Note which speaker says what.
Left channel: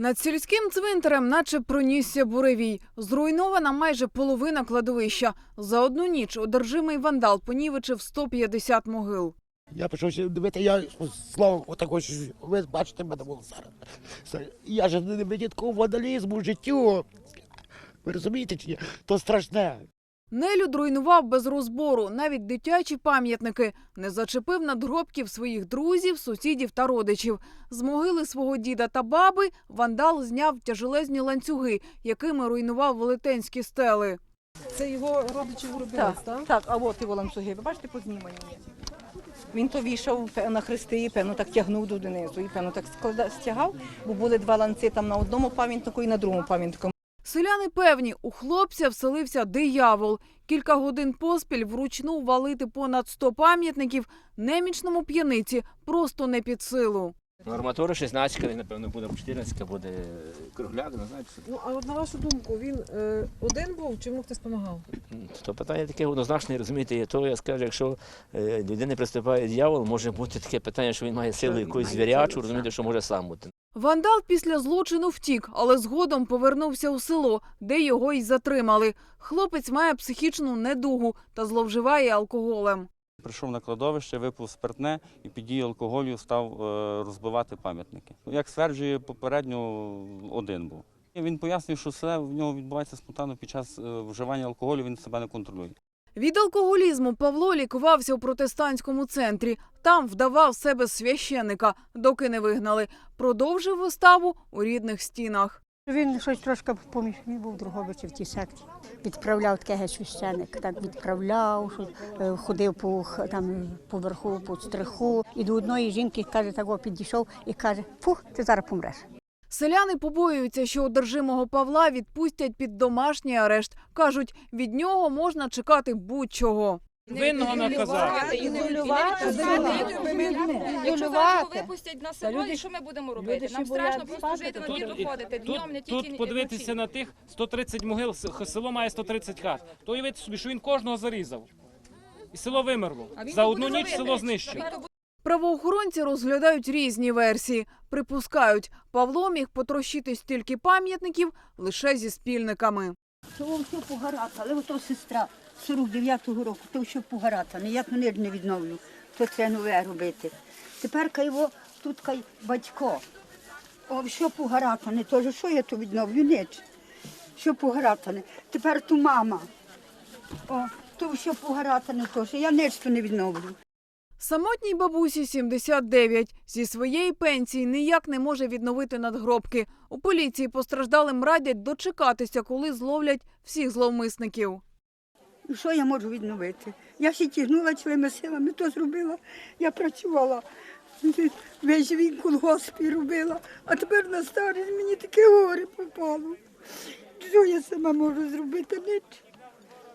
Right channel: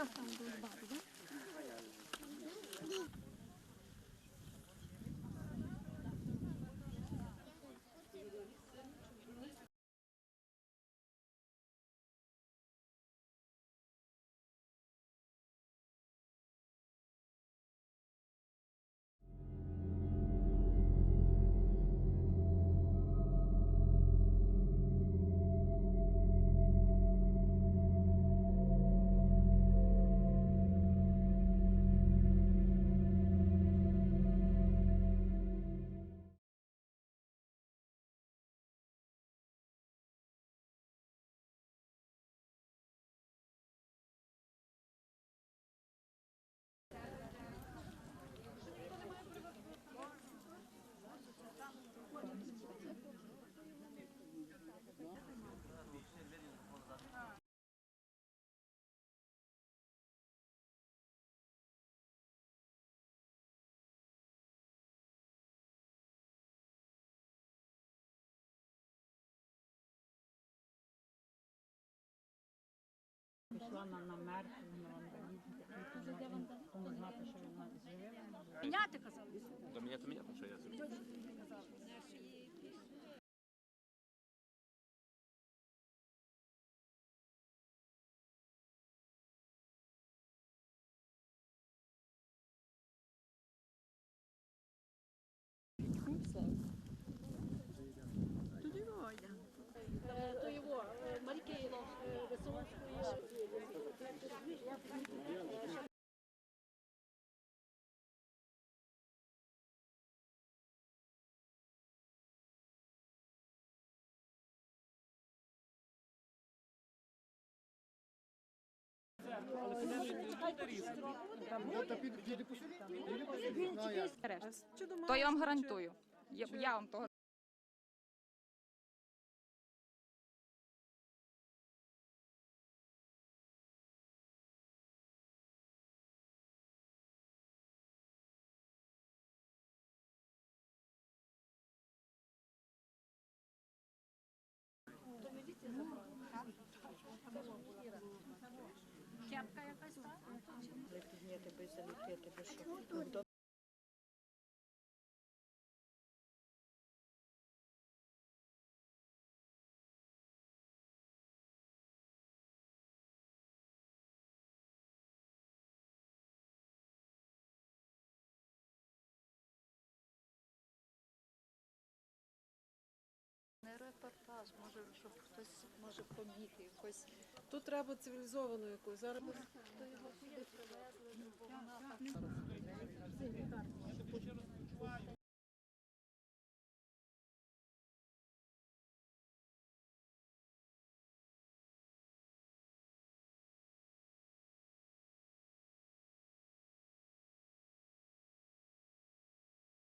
Speaker 1: Над сільським цвинтарем, наче пронісся буревій. Зруйнована майже половина кладовища. За одну ніч одержимий вандал понівечив 150 могил.
Speaker 2: Я пішов дивити, я словом отако, що ви бачите мене було зараз. Я ж не такого вандалізму життю. Ви розумієте чи ні? То страшне.
Speaker 1: Нелюд руйнував без розбору навіть дитячі пам'ятники. Не зачепив надгробків своїх друзів, сусідів та родичів. З могили свого діда та баби вандал зняв тяжелезні ланцюги, якими руйнував велетенські стели.
Speaker 3: Це його родичі вробились, так?
Speaker 4: Так, а от його ланцюги, ви бачите, познімані. Він то вішав на хрести, і певно так тягнув до донизу, і певно так стягав, бо були два ланци там на одному пам'ятнику і на другому пам'ятнику.
Speaker 1: Селяни певні, у хлопця вселився диявол. Кілька годин поспіль вручну валити понад 100 пам'ятників немічному п'яниці просто не під силу.
Speaker 5: Ну, Арматура 16, він, напевно, буде 14, буде кругляк, не знаю. що.
Speaker 3: Ну, а от на вашу думку, він е, один був чи йому хтось допомагав?
Speaker 5: То питання таке однозначне, розумієте, є то я скажу, якщо е, людини приступає дьявол, може бути таке питання, що він має силу якусь звірячу, розумієте, що може сам бути.
Speaker 1: Вандал після злочину втік, але згодом повернувся у село, де його й затримали. Хлопець має психічну недугу та зловживає алкоголем.
Speaker 6: Прийшов на кладовище, випив спиртне і під дією алкоголю став е, розбивати пам'ятники. Як стверджує попередньо, один був. Він пояснює, що все в нього відбувається спонтанно під час е, вживання алкоголю, він себе не контролює.
Speaker 1: Від алкоголізму Павло лікувався у протестантському центрі. Там вдавав себе священика, доки не вигнали. Продовжив виставу у рідних стінах.
Speaker 7: Він щось трошки поміж він був Другобичі в тій секті. Відправляв таке геть священик, так відправляв, е, ходив по там поверху, по стриху. І до одної жінки каже, так підійшов і каже: Фух, ти зараз помреш.
Speaker 1: Селяни побоюються, що одержимого Павла відпустять під домашній арешт. Кажуть, від нього можна чекати будь-чого.
Speaker 8: Винного наказати.
Speaker 9: Якщо випустять на село, і що ми будемо робити? Нам страшно просто жити, на
Speaker 8: Тут,
Speaker 9: двір виходити днем, не тільки
Speaker 8: тут подивитися на тих 130 могил, с- село має 130 хат. То уявити собі, що він кожного зарізав. І село вимерло. За одну ніч село знищив.
Speaker 1: Правоохоронці розглядають різні версії. Припускають, Павло міг потрощити стільки пам'ятників лише зі спільниками.
Speaker 10: То все погарата, але ото сестра 49-го року, то все погарата, ніяк мене не відновлю, то треба нове робити. Тепер його тут кай батько. О, все погаратане, теж що я то відновлю, ніч. Що погаратане. Тепер ту мама. О, то все погаратане теж, я ніч то не відновлю.
Speaker 1: Самотній бабусі 79. Зі своєї пенсії ніяк не може відновити надгробки. У поліції постраждалим радять дочекатися, коли зловлять всіх зловмисників.
Speaker 10: Що я можу відновити? Я ще тягнула своїми силами, то зробила. Я працювала, весь він колгоспі робила, а тепер на старість мені таке горе попало. Що я сама можу зробити? Ніч.